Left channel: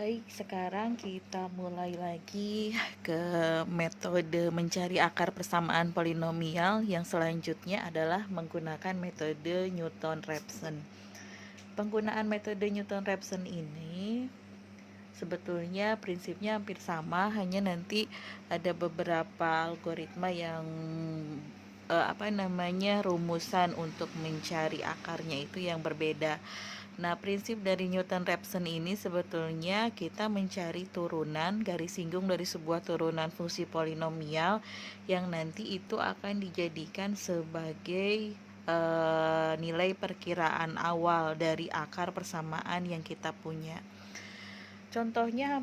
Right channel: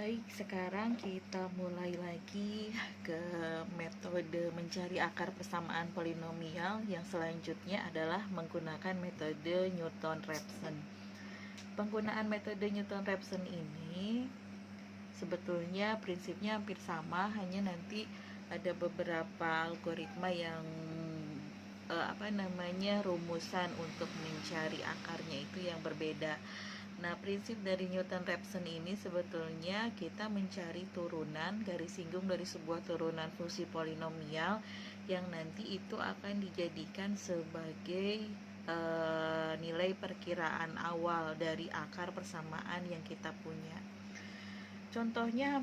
Baik, sekarang kita mulai lagi ke metode mencari akar persamaan polinomial. Yang selanjutnya adalah menggunakan metode Newton-Raphson. Penggunaan metode Newton-Raphson ini sebetulnya prinsipnya hampir sama, hanya nanti ada beberapa algoritma yang rumusan untuk mencari akarnya itu yang berbeda. Nah, prinsip dari Newton-Raphson ini sebetulnya kita mencari turunan garis singgung dari sebuah turunan fungsi polinomial yang nanti itu akan dijadikan sebagai nilai perkiraan awal dari akar persamaan yang kita punya. Contohnya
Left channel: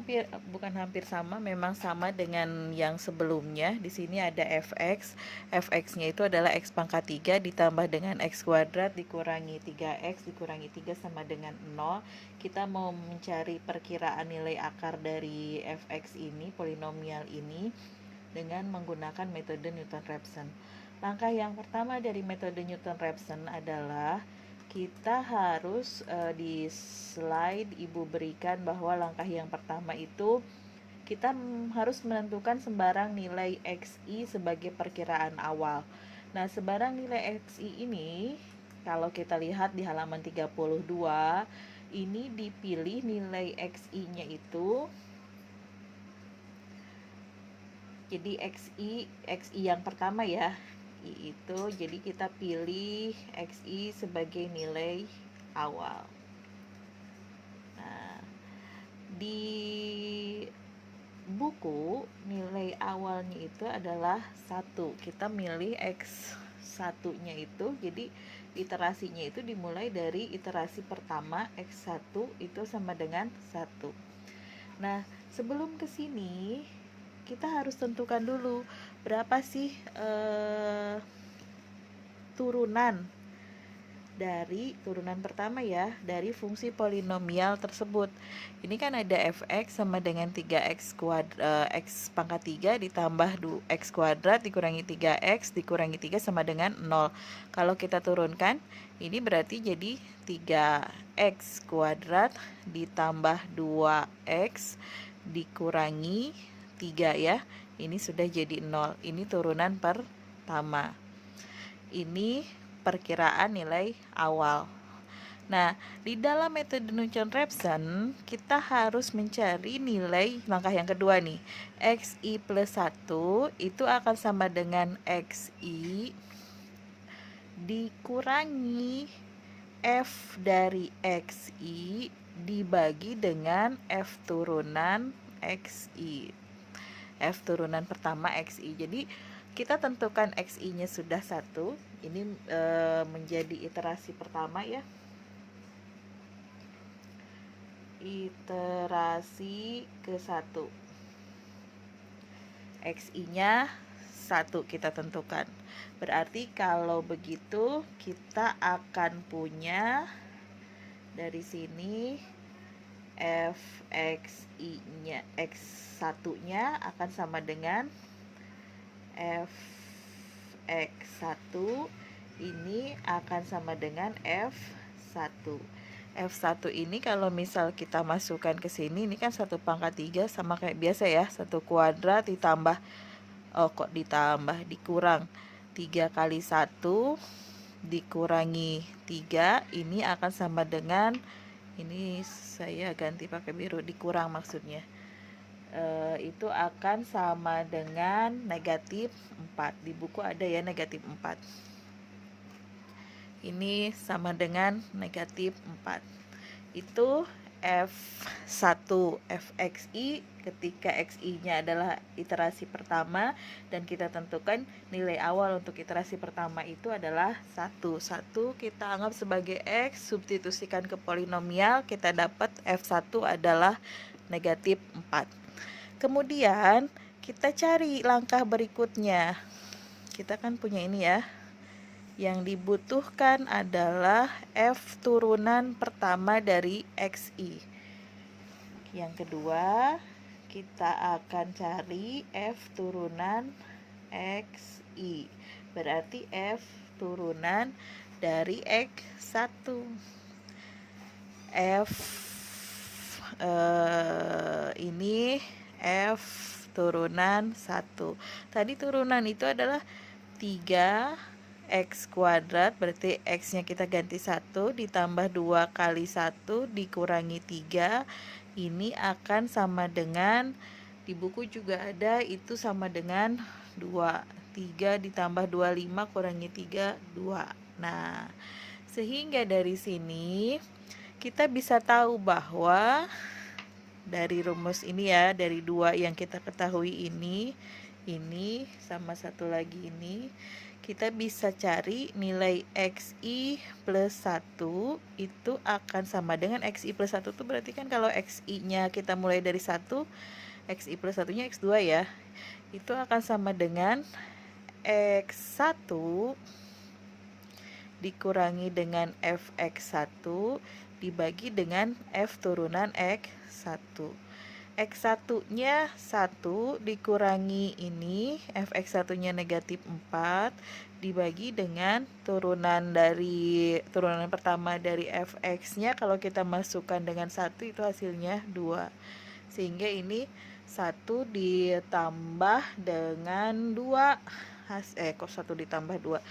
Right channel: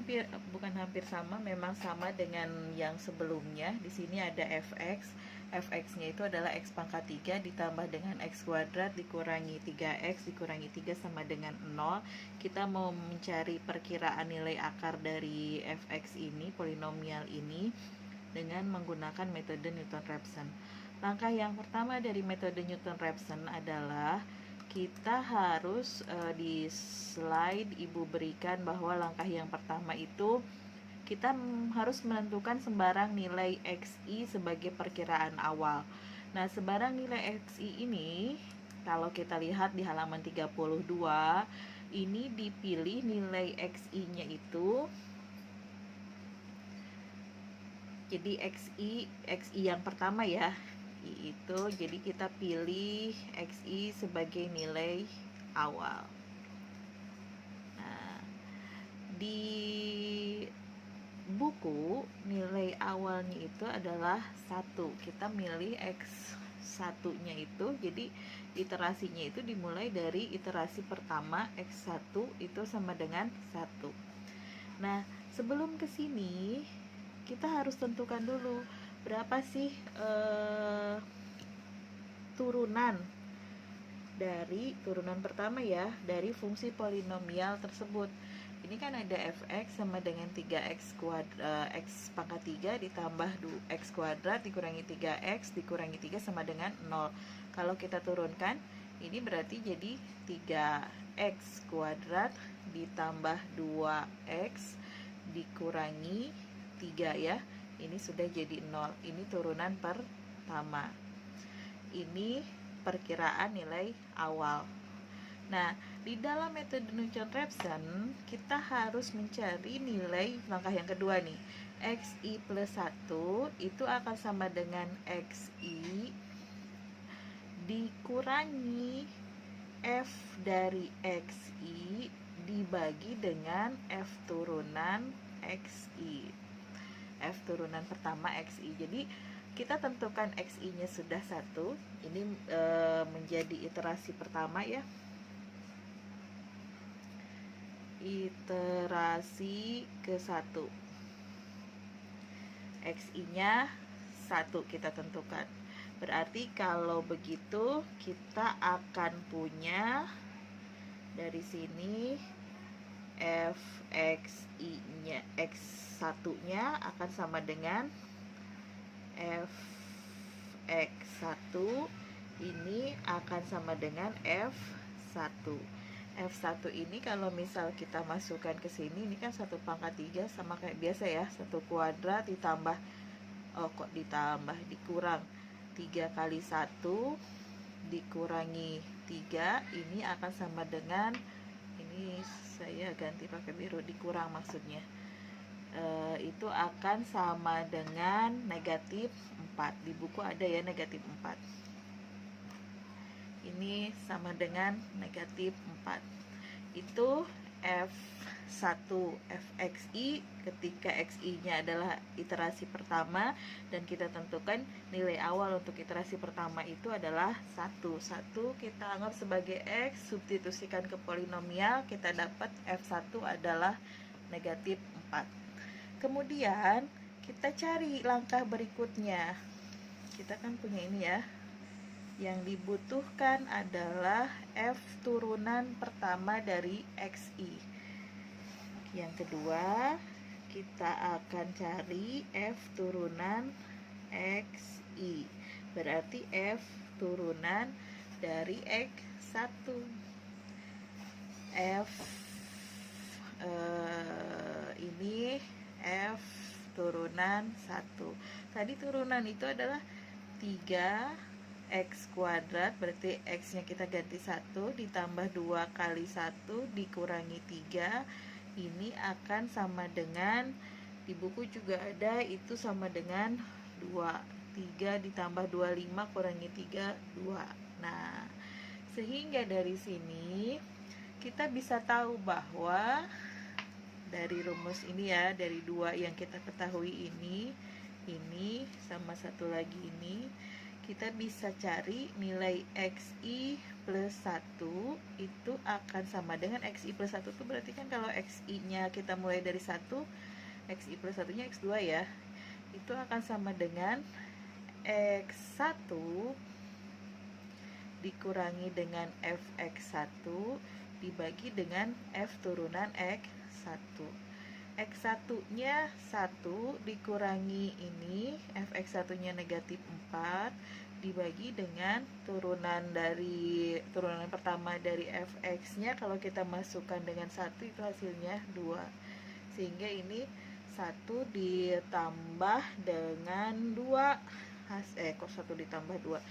bukan hampir sama, memang sama dengan yang sebelumnya. Di sini ada fx. Fx-nya itu adalah x pangkat 3 ditambah dengan x kuadrat dikurangi 3x dikurangi 3 sama dengan 0. Kita mau mencari perkiraan nilai akar dari fx ini, polinomial ini, dengan menggunakan metode Newton-Raphson. Langkah yang pertama dari metode Newton-Raphson adalah kita harus di slide Ibu berikan bahwa langkah yang pertama itu kita harus menentukan sembarang nilai XI sebagai perkiraan awal. Nah, sembarang nilai XI ini kalau kita lihat di halaman 32, ini dipilih nilai XI-nya itu. Jadi XI yang pertama ya, itu jadi kita pilih XI sebagai nilai awal. Nah, di buku nilai awalnya itu adalah 1. Kita milih X1 nya itu, jadi iterasinya itu dimulai dari iterasi pertama X1 itu sama dengan 1. Nah, sebelum ke sini kita harus tentukan dulu berapa sih turunan pertama ya dari fungsi polinomial tersebut. Ini kan ada fx sama dengan 3x x pangkat 3 ditambah x kuadrat dikurangi 3x dikurangi 3 sama dengan 0. Kalau kita turunkan, ini berarti jadi 3x kuadrat ditambah 2x dikurangi 3 ya. Ini sudah jadi 0. Ini turunan pertama. Ini perkiraan nilai awal. Nah, di dalam metode Newton-Raphson kita harus mencari nilai langkah yang kedua nih. XI plus 1 itu akan sama dengan XI dikurangi F dari XI dibagi dengan F turunan XI. F turunan pertama XI. Jadi kita tentukan XI-nya sudah 1. Ini menjadi iterasi pertama ya. Iterasi ke-1. XI-nya 1 kita tentukan. Berarti kalau begitu kita akan punya dari sini fxi-nya x1-nya akan sama dengan fx1 ini akan sama dengan f1. F1 ini kalau misal kita masukkan ke sini, ini kan 1 pangkat 3 sama kayak biasa ya, 1 kuadrat ditambah dikurang 3 kali 1 dikurangi 3, ini akan sama dengan, ini saya ganti pakai biru, dikurang maksudnya, itu akan sama dengan negatif 4. Di buku ada ya negatif 4. Ini sama dengan negatif 4. Itu F1 fxi ketika xi-nya adalah iterasi pertama, dan kita tentukan nilai awal untuk iterasi pertama itu adalah 1. 1 kita anggap sebagai x, substitusikan ke polinomial, kita dapat F1 adalah negatif 4. Kemudian kita cari langkah berikutnya. Kita kan punya ini ya. Yang dibutuhkan adalah F turunan pertama dari XI. Yang kedua, kita akan cari F turunan XI. Berarti F turunan dari X1. ini F turunan 1. Tadi turunan itu adalah 3x kuadrat, berarti x nya kita ganti 1 ditambah 2 kali 1 dikurangi 3. Ini akan sama dengan, di buku juga ada, itu sama dengan 2. 3 ditambah 25 kurangi 3, 2. Nah, sehingga dari sini kita bisa tahu bahwa dari rumus ini ya, dari 2 yang kita ketahui ini sama satu lagi ini, kita bisa cari nilai xi plus 1 itu akan sama dengan xi plus 1 itu berarti kan kalau xi nya kita mulai dari 1, xi plus 1 nya x2 ya, itu akan sama dengan x1 dikurangi dengan fx1 dibagi dengan f turunan x1. X1 nya 1 dikurangi ini, fx1 nya negatif 4 dibagi dengan turunan pertama dari fx nya, kalau kita masukkan dengan 1 itu hasilnya 2. Sehingga ini 1 ditambah dengan 2, kok 1 ditambah 2?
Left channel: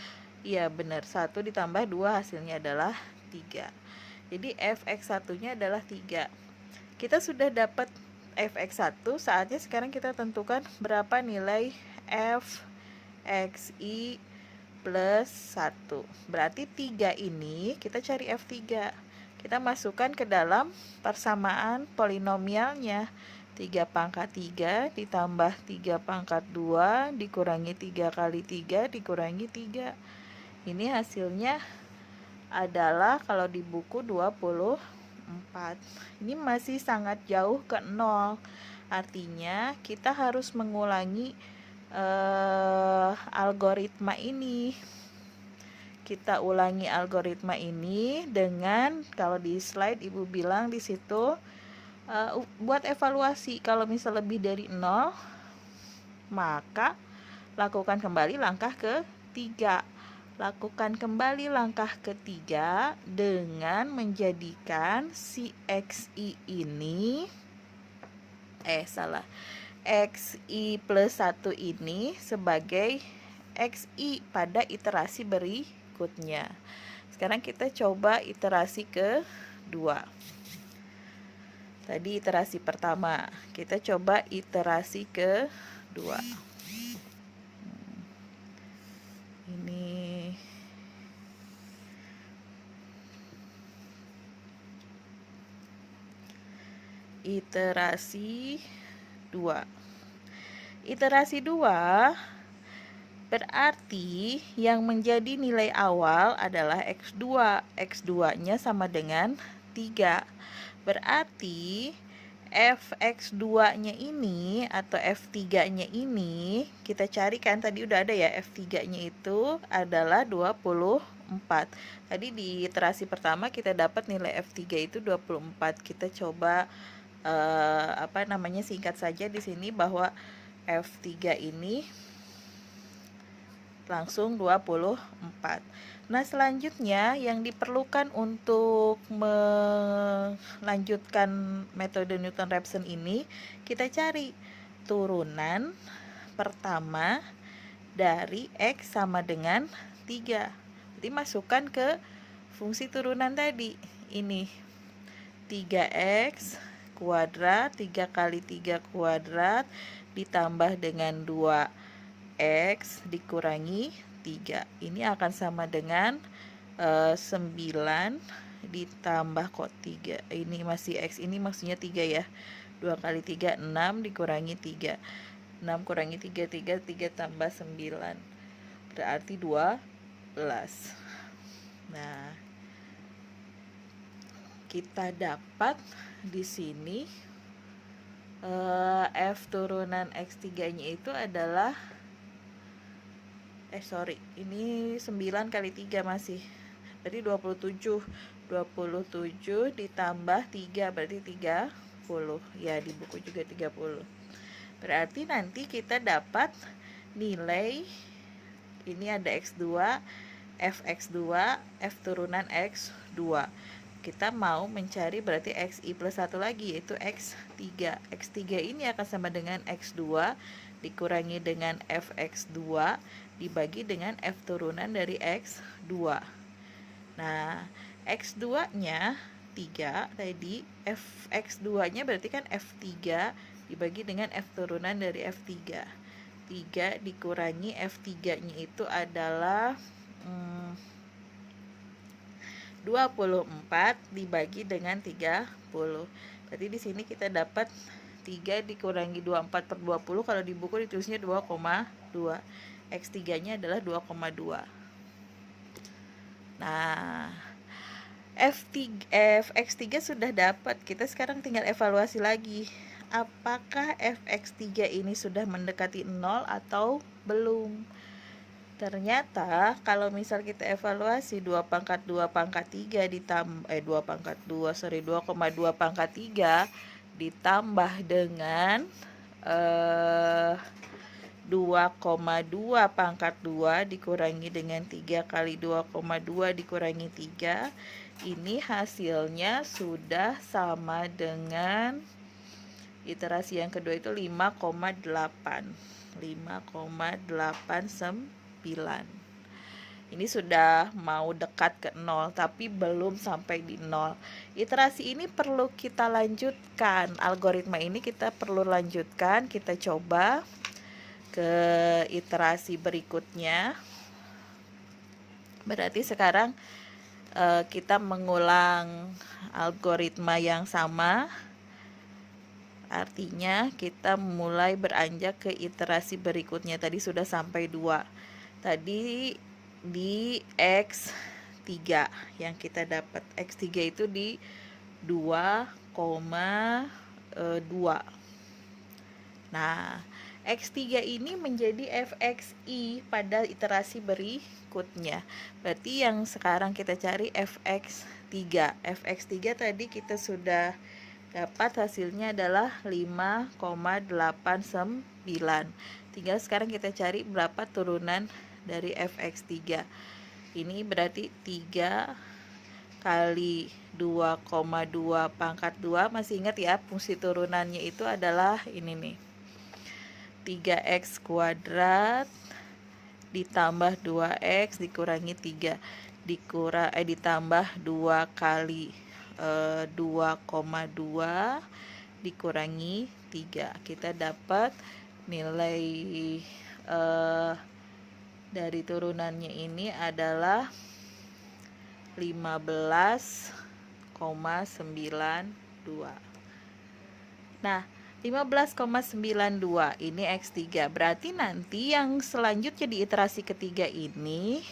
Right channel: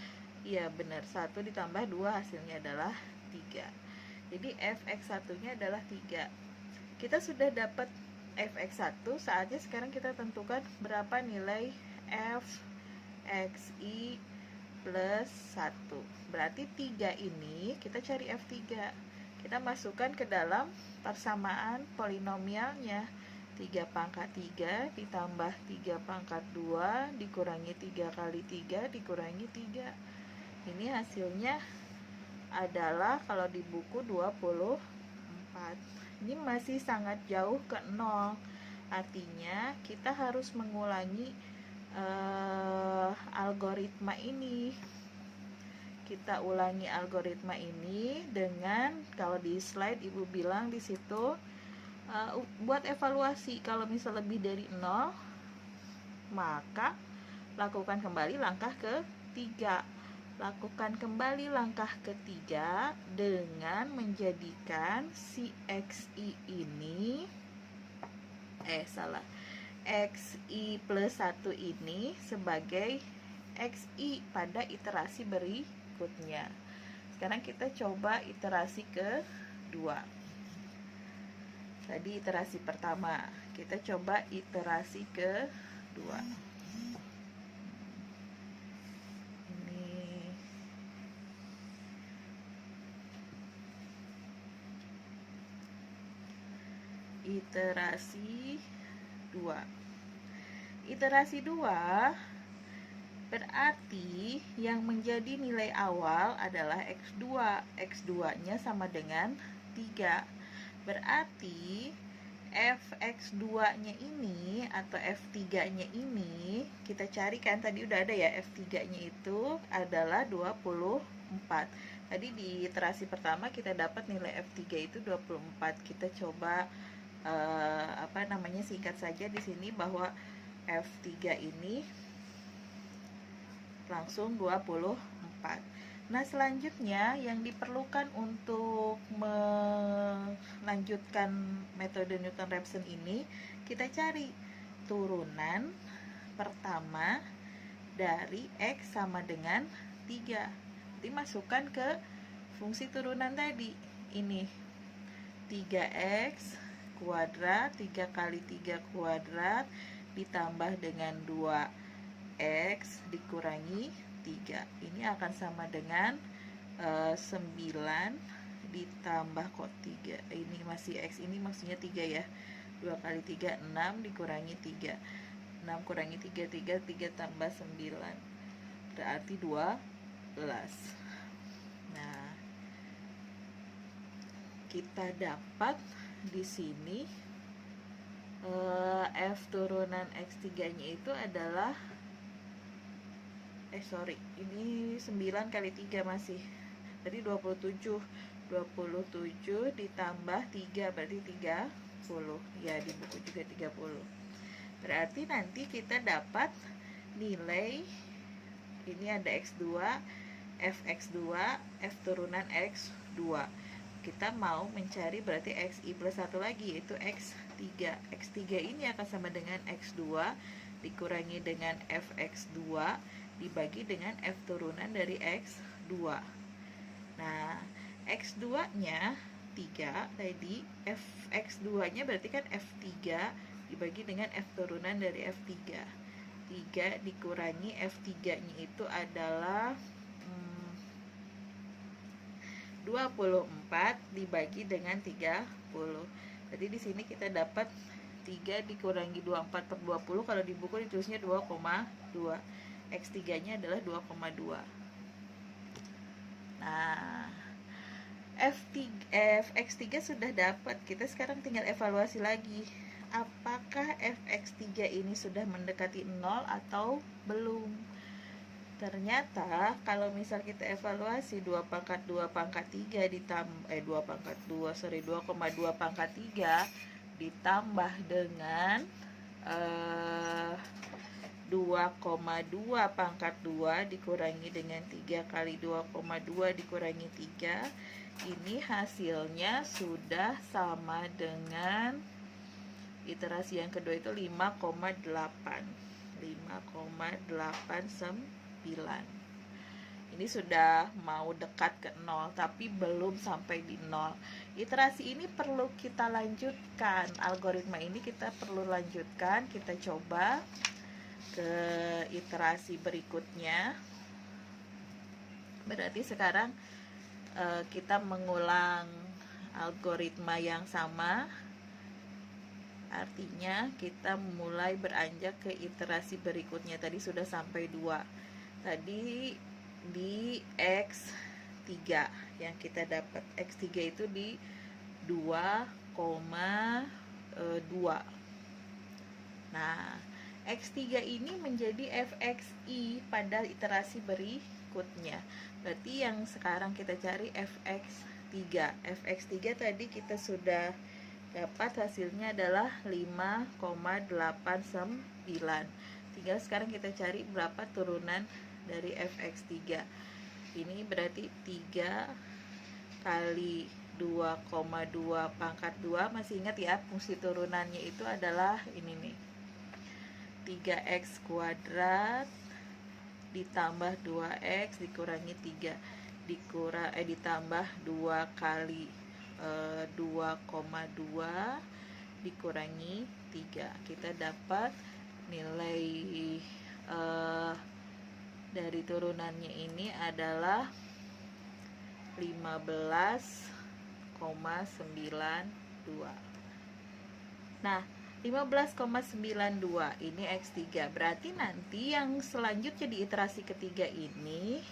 Iya benar, 1 ditambah 2 hasilnya adalah 3. Jadi fx1 nya adalah 3. Kita sudah dapat fx1, saatnya sekarang kita tentukan berapa nilai fxi plus 1. Berarti 3 ini kita cari f3. Kita masukkan ke dalam persamaan polinomialnya. 3 pangkat 3 ditambah 3 pangkat 2 dikurangi 3 kali 3 dikurangi 3. Ini hasilnya adalah kalau di buku 24. Ini masih sangat jauh ke 0. Artinya kita harus mengulangi algoritma ini. Kita ulangi algoritma ini dengan, kalau di slide Ibu bilang di situ buat evaluasi. Kalau misal lebih dari 0, maka lakukan kembali langkah ketiga. Lakukan kembali langkah ketiga dengan menjadikan si xi ini xi plus 1 ini sebagai xi pada iterasi berikutnya. Sekarang kita coba iterasi kedua. Tadi iterasi pertama, kita coba iterasi kedua. Iterasi 2. Iterasi 2 berarti yang menjadi nilai awal adalah x2. X2 nya sama dengan 3. Berarti fx2 nya ini atau f3 nya ini kita carikan, tadi udah ada ya, f3 nya itu adalah 24. Tadi di iterasi pertama kita dapat nilai f3 itu 24. Kita coba singkat saja di sini bahwa F3 ini langsung 24. Nah, selanjutnya yang diperlukan untuk melanjutkan metode Newton-Raphson ini, kita cari turunan pertama dari X sama dengan 3. Jadi masukkan ke fungsi turunan tadi. Ini 3x kuadrat, 3 kali 3 kuadrat ditambah dengan 2x dikurangi 3. Ini akan sama dengan 9 ditambah kok 3. Ini masih x, ini maksudnya 3 ya. 2 kali 3 6 dikurangi 3. 6 kurangi 3 3 tambah 9. Berarti 12. Nah, kita dapat di sini f turunan x3 nya itu adalah ini 9 kali 3 masih, berarti 27 ditambah 3 berarti 30 ya, di buku juga 30. Berarti nanti kita dapat nilai, ini ada x2, fx2, f turunan x2. kita mau mencari berarti xi plus 1 lagi, yaitu x3. X3 ini akan sama dengan x2 dikurangi dengan fx2 dibagi dengan f turunan dari x2. Nah, x2 nya 3 tadi, fx2 nya berarti kan f3 dibagi dengan f turunan dari f3. 3 dikurangi f3 nya itu adalah 24 dibagi dengan 30. Jadi di sini kita dapat 3 dikurangi 24 per 20, kalau di buku ditulisnya 2,2. X3-nya adalah 2,2. Nah, fx3 sudah dapat. Kita sekarang tinggal evaluasi lagi. Apakah fx3 ini sudah mendekati 0 atau belum? Ternyata kalau misal kita evaluasi 2 pangkat 2 pangkat 3 ditambah 2 pangkat 2 sorry 2,2 pangkat 3 ditambah dengan 2,2 pangkat 2 dikurangi dengan 3 kali 2,2 dikurangi 3, ini hasilnya sudah sama dengan iterasi yang kedua itu 5,8. 5,89. Ini sudah mau dekat ke 0 tapi belum sampai di 0. Iterasi ini perlu kita lanjutkan. Algoritma ini kita perlu lanjutkan. Kita coba ke iterasi berikutnya. Berarti sekarang kita mengulang algoritma yang sama. Artinya kita mulai beranjak ke iterasi berikutnya. Tadi sudah sampai 2. Tadi di X3 yang kita dapat. X3 itu di 2,2. Nah, X3 ini menjadi fxi pada iterasi berikutnya. Berarti yang sekarang kita cari fx3. Fx3 tadi kita sudah dapat, hasilnya adalah 5,89. Tinggal sekarang kita cari berapa turunan dari fx3. Ini berarti 3 kali 2,2 pangkat 2. Masih ingat ya, fungsi turunannya itu adalah ini nih, 3x kuadrat ditambah 2x dikurangi 3 ditambah 2 kali 2,2 dikurangi 3. Kita dapat nilai dari turunannya ini adalah 15,92. Nah, 15,92 ini X3. Berarti nanti yang selanjutnya di iterasi ketiga ini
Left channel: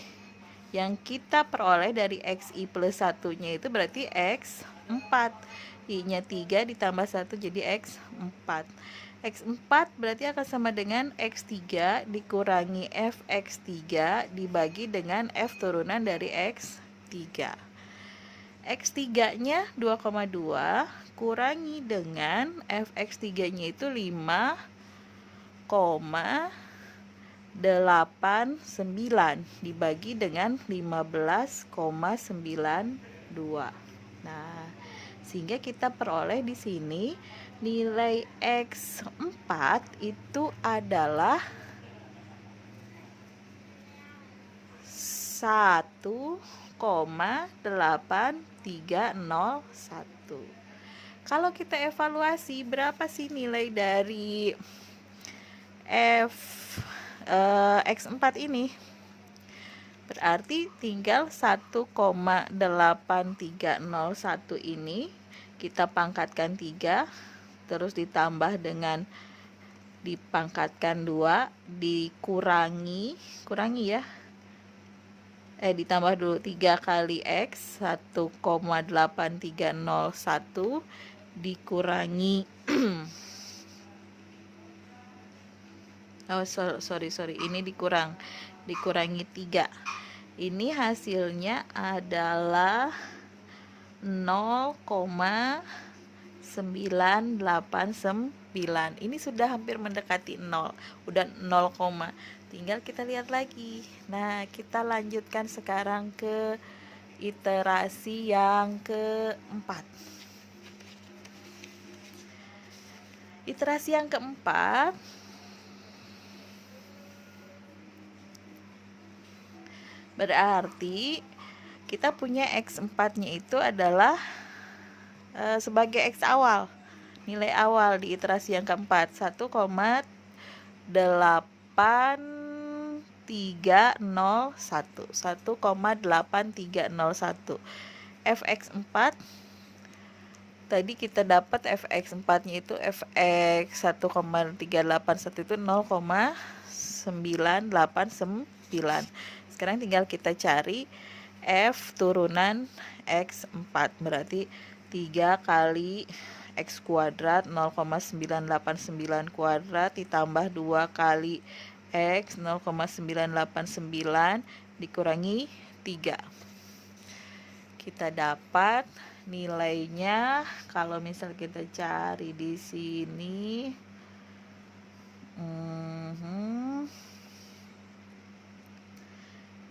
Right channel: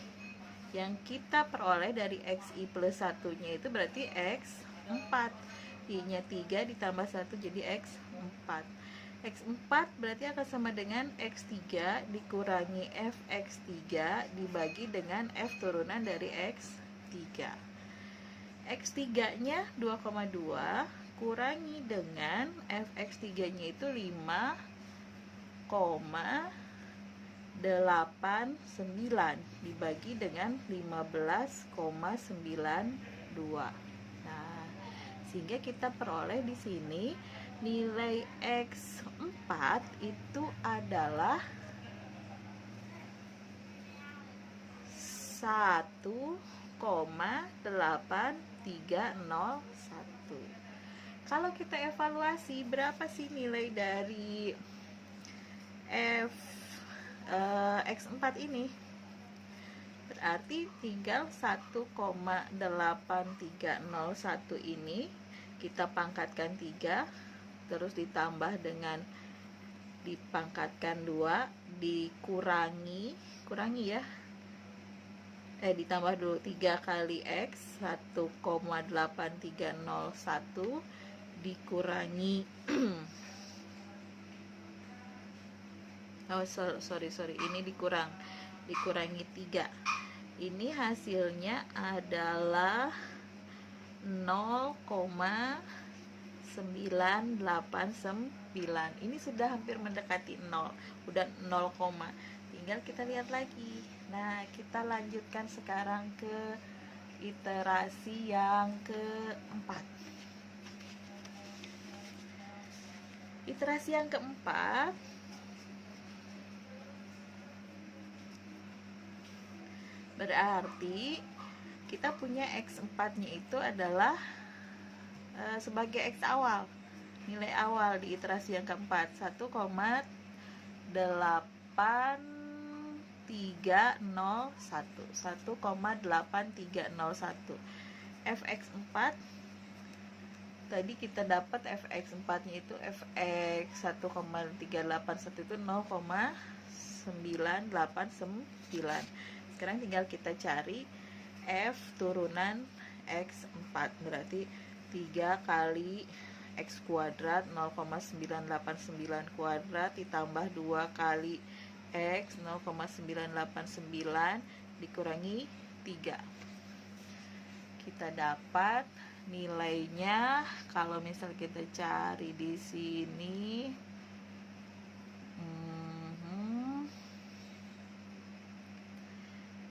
yang kita peroleh dari xi plus 1-nya itu berarti x4. I-nya 3 ditambah 1 jadi x4. X4 berarti akan sama dengan x3 dikurangi fx3 dibagi dengan f turunan dari x3. X3-nya 2,2 kurangi dengan fx3-nya itu 5,89 dibagi dengan 15,92. Nah, sehingga kita peroleh di sini nilai X4 itu adalah 1,8301. Kalau kita evaluasi berapa sih nilai dari X4 ini? Berarti tinggal 1,8301 ini kita pangkatkan 3, terus ditambah dengan dipangkatkan 2, dikurangi ya. Ditambah dulu 3 kali X 1,8301 dikurangi sorry ini dikurangi 3. Ini hasilnya adalah 0,989. Ini sudah hampir mendekati 0, udah 0, tinggal kita lihat lagi. Nah, kita lanjutkan sekarang ke iterasi yang keempat. Iterasi yang keempat berarti kita punya X4-nya itu adalah sebagai X awal, nilai awal di iterasi yang keempat 1,8301 fx4. Tadi kita dapat fx4-nya itu fx 1,381 itu 0,989. Sekarang tinggal kita cari f turunan x4, berarti 3 kali x kuadrat 0,989 kuadrat ditambah 2 kali x 0,989 dikurangi 3. Kita dapat nilainya, kalau misal kita cari di sini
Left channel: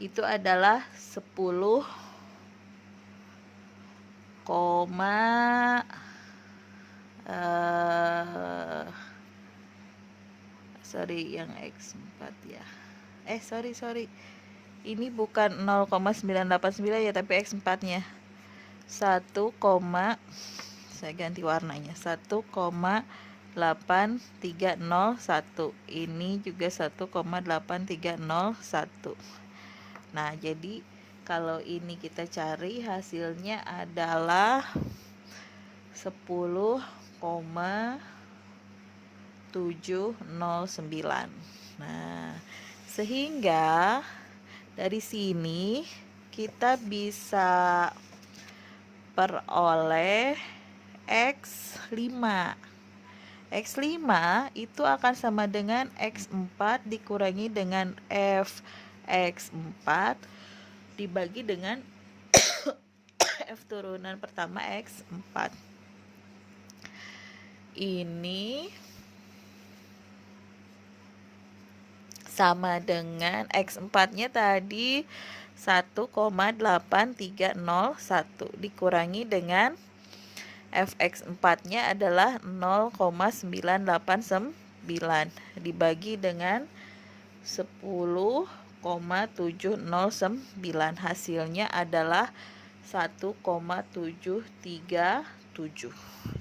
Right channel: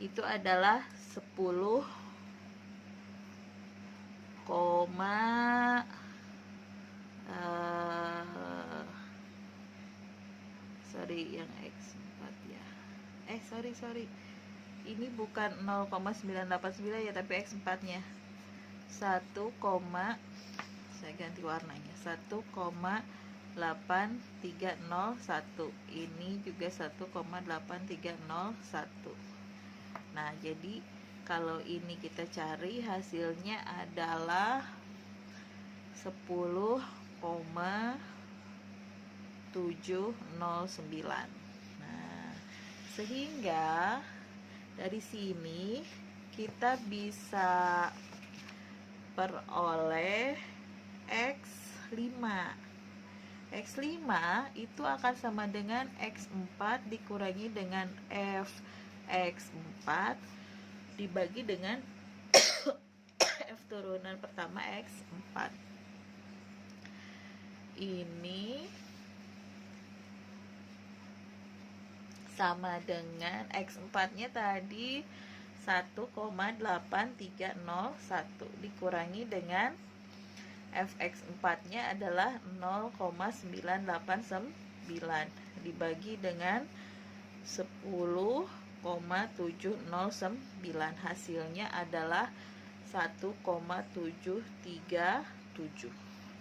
itu adalah 10, yang X4 ya. Sorry. Ini bukan 0,989 ya, tapi X4-nya. Saya ganti warnanya. 1,8301. Ini juga 1,8301. Nah, jadi kalau ini kita cari hasilnya adalah 10,709. Nah, sehingga dari sini kita bisa peroleh X5. X5 itu akan sama dengan X4 dikurangi dengan Fx4 dibagi dengan F turunan pertama X4. Ini sama dengan X4-nya tadi 1,8301 dikurangi dengan Fx4-nya adalah 0,989 dibagi dengan 10,709. Hasilnya adalah 1,737.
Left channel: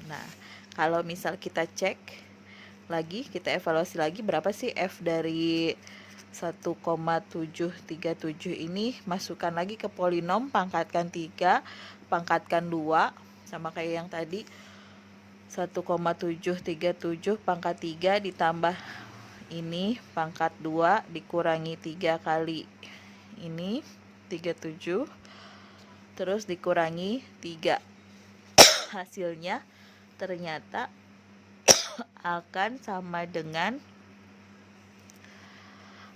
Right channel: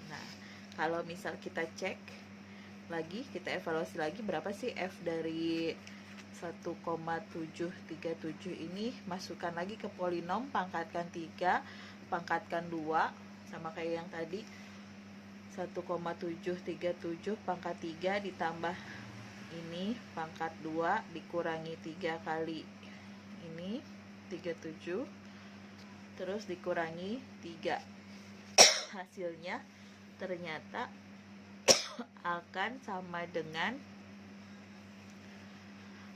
Nah, kalau misal kita cek lagi, kita evaluasi lagi berapa sih F dari 1,737 ini, masukkan lagi ke polinom, pangkatkan 3, pangkatkan 2, sama kayak yang tadi 1,737 pangkat 3 ditambah ini pangkat 2 dikurangi 3 kali ini 37 terus dikurangi 3. Hasilnya ternyata akan sama dengan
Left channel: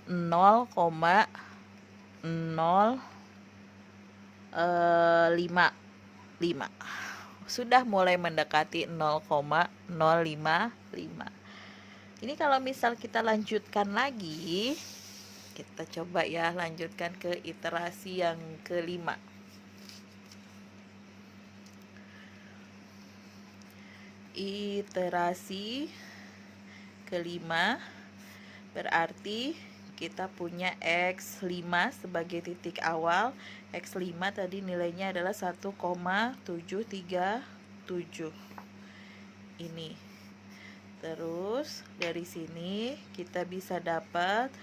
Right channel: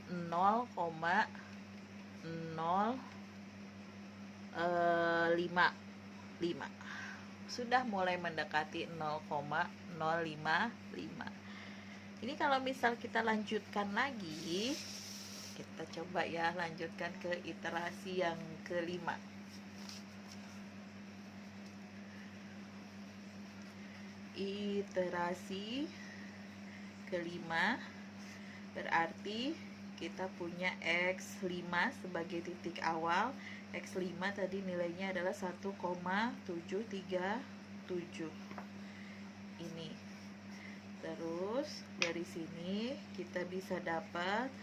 0,055. Sudah mulai mendekati 0,055. Ini kalau misal kita lanjutkan lagi, kita coba ya lanjutkan ke iterasi yang kelima. Iterasi kelima berarti kita punya X5 sebagai titik awal. X5 tadi nilainya adalah 1,737 ini. Terus dari sini kita bisa dapat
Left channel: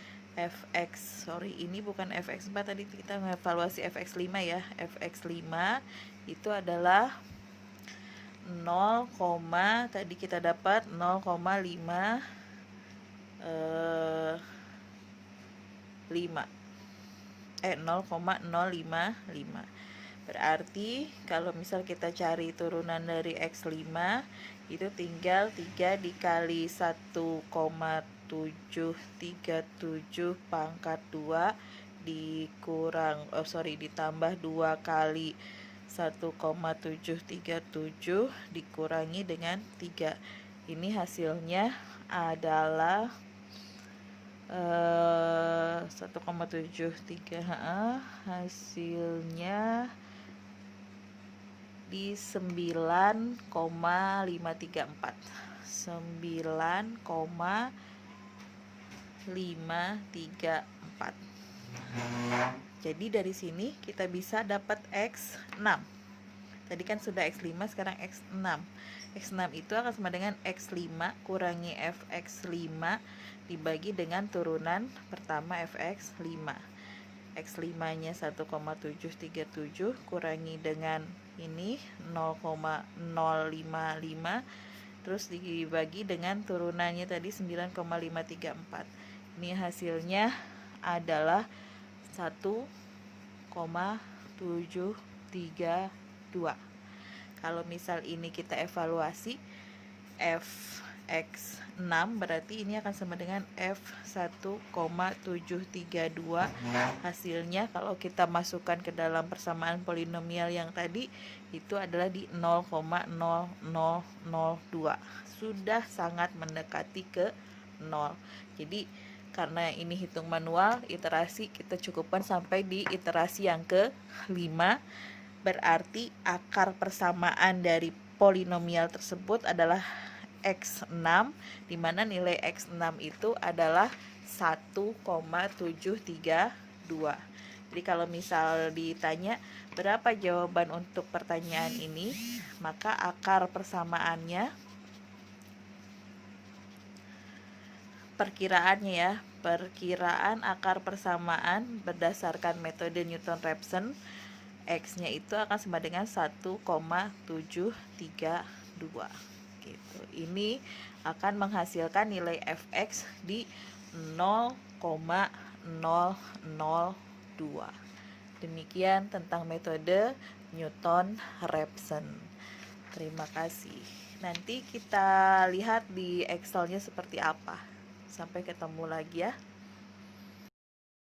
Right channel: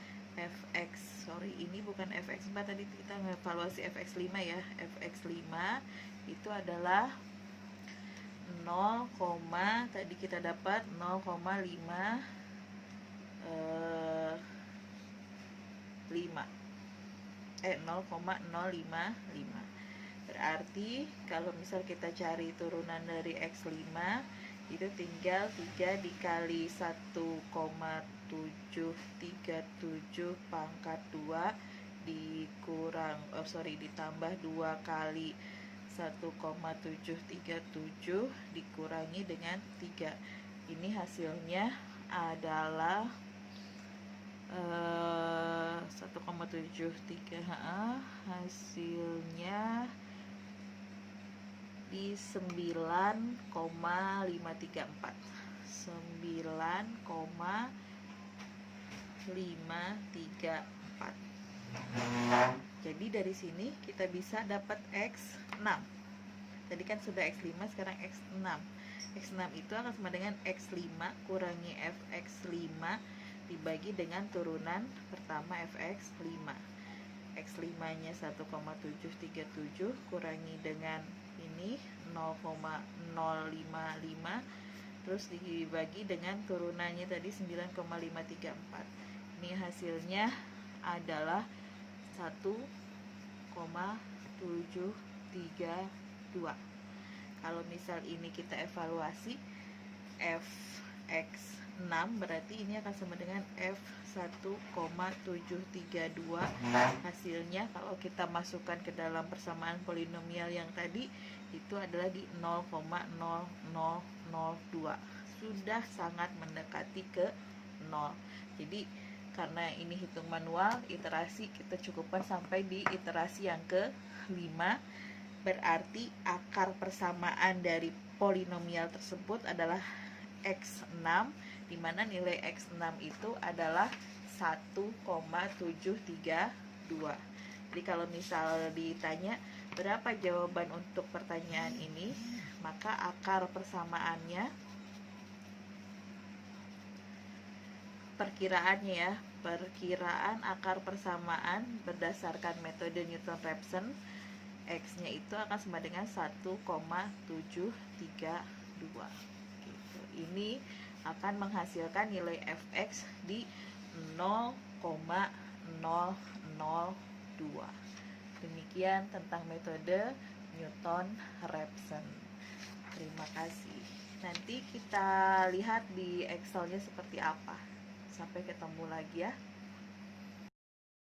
ini bukan Fx4, tadi kita mengevaluasi Fx5 ya. Fx5 itu adalah 0, tadi kita dapat 0,5 0,055. Berarti kalau misal kita cari turunan dari X5 itu tinggal 3 dikali 1,737 pangkat 2 ditambah 2 kali 1,737 dikurangi dengan 3. Ini hasilnya adalah 1,73. Hasilnya di 9,534. 9,534. Jadi dari sini kita bisa dapat X6. Tadi kan sudah X5, sekarang X6. X6 itu akan sama dengan X5 kurangi Fx5 dibagi dengan turunan pertama Fx5. X5 nya 1,737 kurangi dengan ini 0,055, terus dibagi dengan turunannya tadi 9,534. Ini hasilnya adalah 1,732. Kalau misal ini kita evaluasi Fx6, berarti ini akan sama dengan F1,732. Hasilnya kalau kita masukkan ke dalam persamaan polinomial yang tadi itu adalah di 0,0002. Sudah sangat mendekati ke 0. Jadi karena ini hitung manual, iterasi kita cukupkan sampai di iterasi yang ke-5. Berarti akar persamaan dari polinomial tersebut adalah X6, di mana nilai X6 itu adalah 1,732. Jadi kalau misal ditanya berapa jawaban untuk pertanyaan ini, maka akar persamaannya, perkiraannya ya, perkiraan akar persamaan berdasarkan metode Newton-Raphson, X-nya itu akan sama dengan 1,732 gitu. Ini akan menghasilkan nilai Fx di 0,002. Demikian tentang metode Newton-Raphson. Terima kasih. Nanti kita lihat di Excelnya seperti apa. Sampai ketemu lagi ya.